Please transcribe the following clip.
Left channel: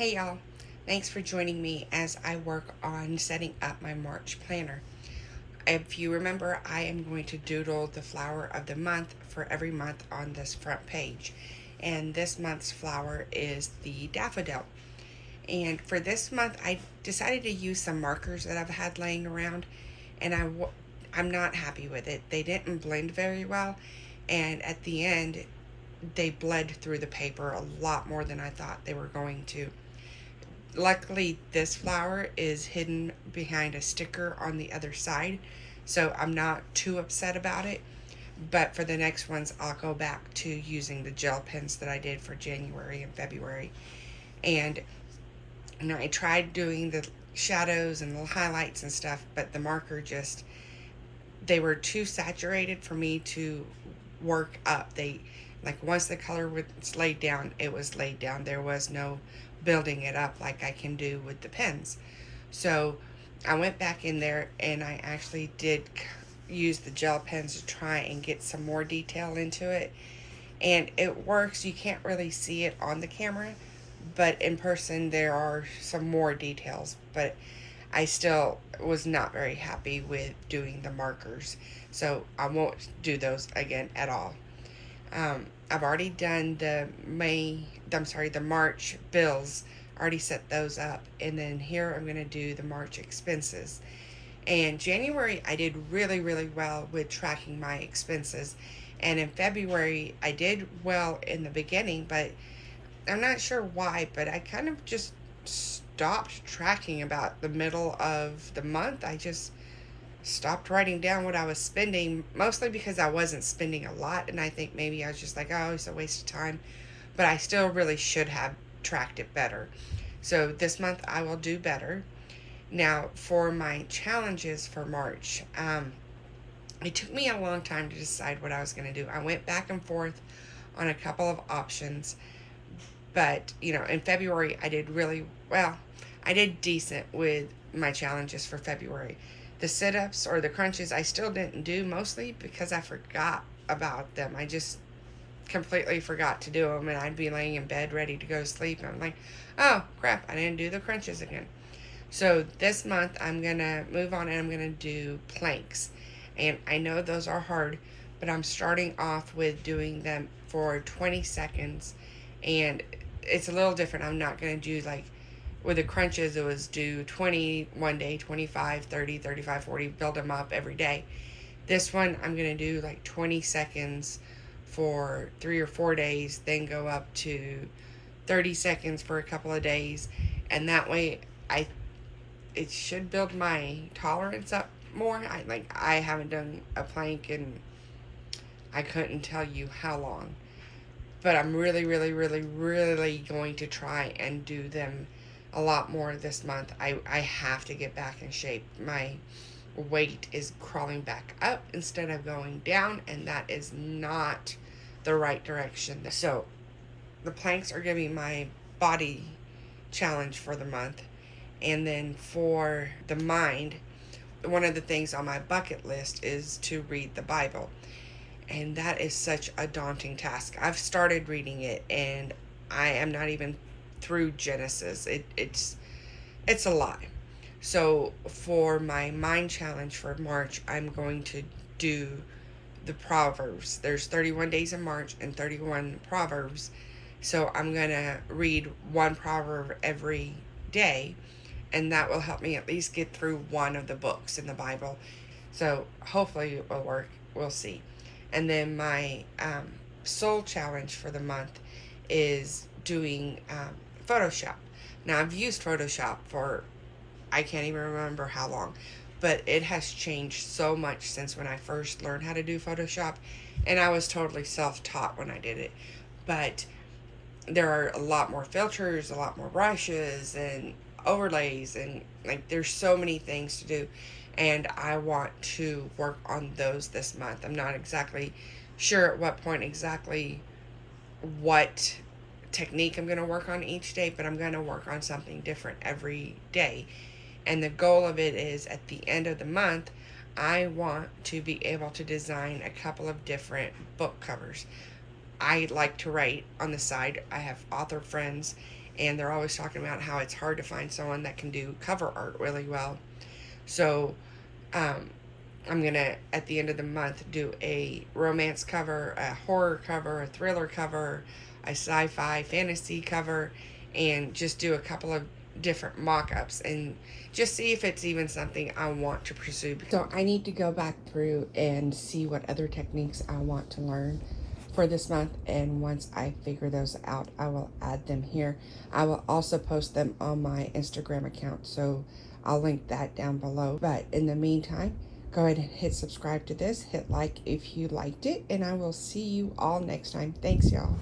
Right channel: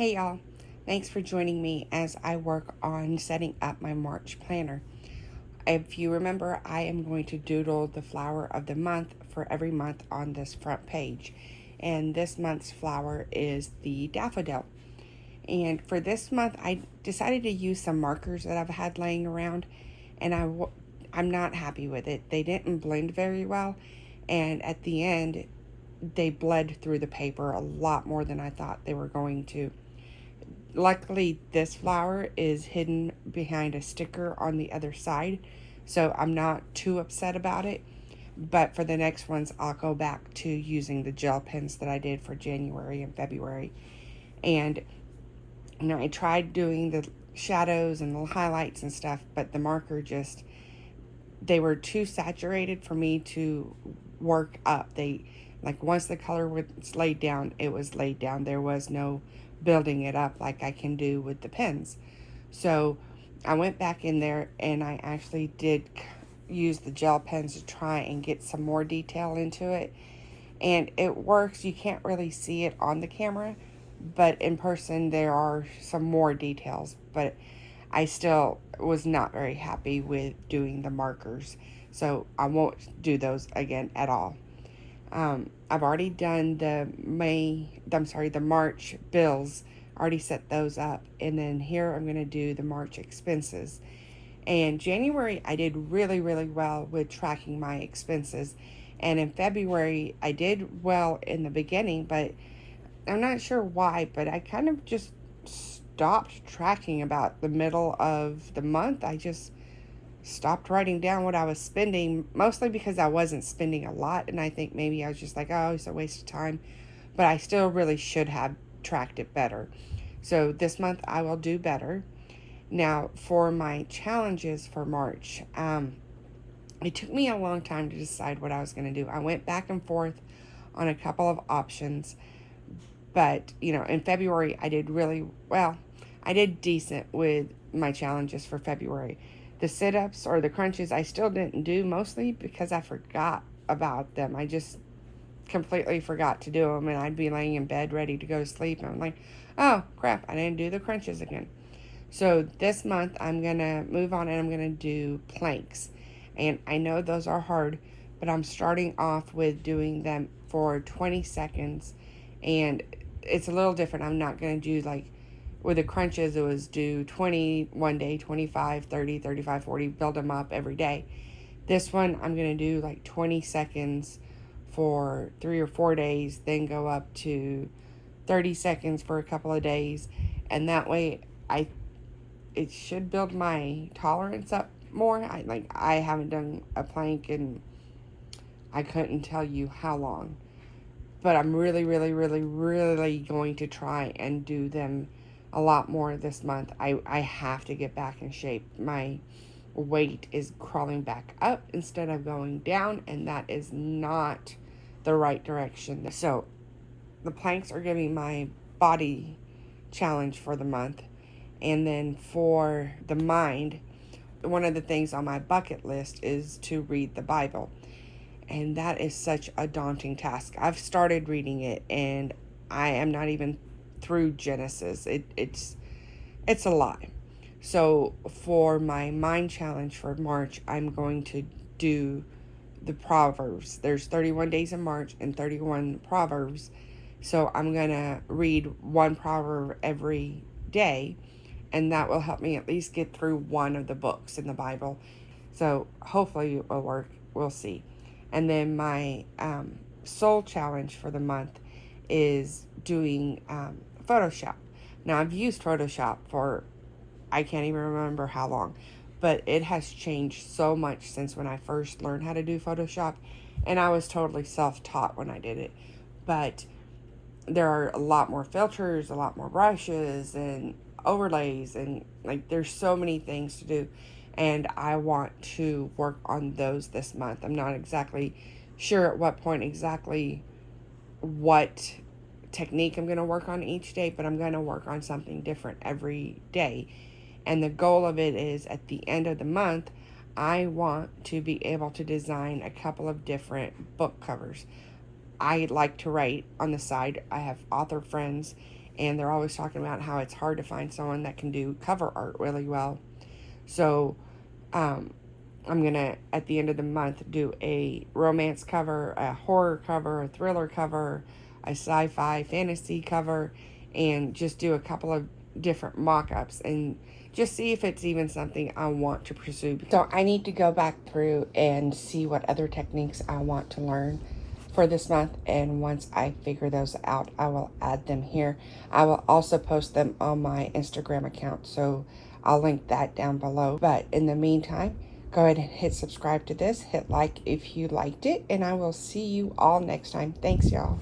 Hey y'all, thanks for joining me as I work on setting up my March planner. If you remember, I am going to doodle the flower of the month for every month on this front page. And this month's flower is the daffodil. And for this month, I decided to use some markers that I've had laying around, and I'm not happy with it. They didn't blend very well, and at the end, they bled through the paper a lot more than I thought they were going to. Luckily, this flower is hidden behind a sticker on the other side, so I'm not too upset about it. But for the next ones, I'll go back to using the gel pens that I did for January and February. And I tried doing the shadows and the highlights and stuff, but the marker just, they were too saturated for me to work up. Like, once the color was laid down, it was laid down. There was no building it up like I can do with the pens. So I went back in there and I actually did use the gel pens to try and get some more detail into it. And it works. You can't really see it on the camera, but in person there are some more details. But I still was not very happy with doing the markers. So I won't do those again at all. I've already done the March bills. Already set those up, and then here I'm gonna do the March expenses. And January I did really, really well with tracking my expenses, and in February I did well in the beginning, but I'm not sure why. But I kind of just stopped tracking about the middle of the month. I just stopped writing down what I was spending, mostly because I wasn't spending a lot, and I think maybe I was just like, oh, it's a waste of time. But I still really should have tracked it better. So this month I will do better. Now, for my challenges for March, it took me a long time to decide what I was going to do. I went back and forth on a couple of options, but in February I did really well. I did decent with my challenges for February. The sit-ups or the crunches I still didn't do, mostly because I forgot about them. I just completely forgot to do them, and I'd be laying in bed ready to go to sleep, and I'm like, oh crap, I didn't do the crunches again. So this month I'm gonna move on and I'm gonna do planks. And I know those are hard, but I'm starting off with doing them for 20 seconds, and it's a little different. I'm not gonna do like with the crunches, it was do 20 one day, 25, 30, 35, 40, build them up every day. This one, I'm going to do like 20 seconds for 3 or 4 days, then go up to 30 seconds for a couple of days. And that way, it should build my tolerance up more. I haven't done a plank and I couldn't tell you how long. But I'm really, really, really, really going to try and do them a lot more this month. I have to get back in shape. My weight is crawling back up instead of going down, and that is not the right direction. So the planks are giving my body challenge for the month. And then for the mind, one of the things on my bucket list is to read the Bible. And that is such a daunting task. I've started reading it and I am not even through Genesis. It's a lot. So for my mind challenge for March, I'm going to do the Proverbs. There's 31 days in March and 31 Proverbs. So I'm going to read one proverb every day, and that will help me at least get through one of the books in the Bible. So hopefully it will work. We'll see. And then my soul challenge for the month is doing Photoshop. Now, I've used Photoshop for I can't even remember how long, but it has changed so much since when I first learned how to do Photoshop, and I was totally self-taught when I did it. But there are a lot more filters, a lot more brushes and overlays, and like there's so many things to do, and I want to work on those this month. I'm not exactly sure at what point exactly what technique I'm going to work on each day, but I'm going to work on something different every day. And the goal of it is at the end of the month, I want to be able to design a couple of different book covers. I like to write on the side. I have author friends, and they're always talking about how it's hard to find someone that can do cover art really well. So um, I'm gonna, at the end of the month, do a romance cover, a horror cover, a thriller cover, a sci-fi fantasy cover, and just do a couple of different mock-ups and just see if it's even something I want to pursue. So I need to go back through and see what other techniques I want to learn for this month, and once I figure those out, I will add them here. I will also post them on my Instagram account, so I'll link that down below. But in the meantime, go ahead and hit subscribe to this, hit like if you liked it, and I will see you all next time. Thanks, y'all.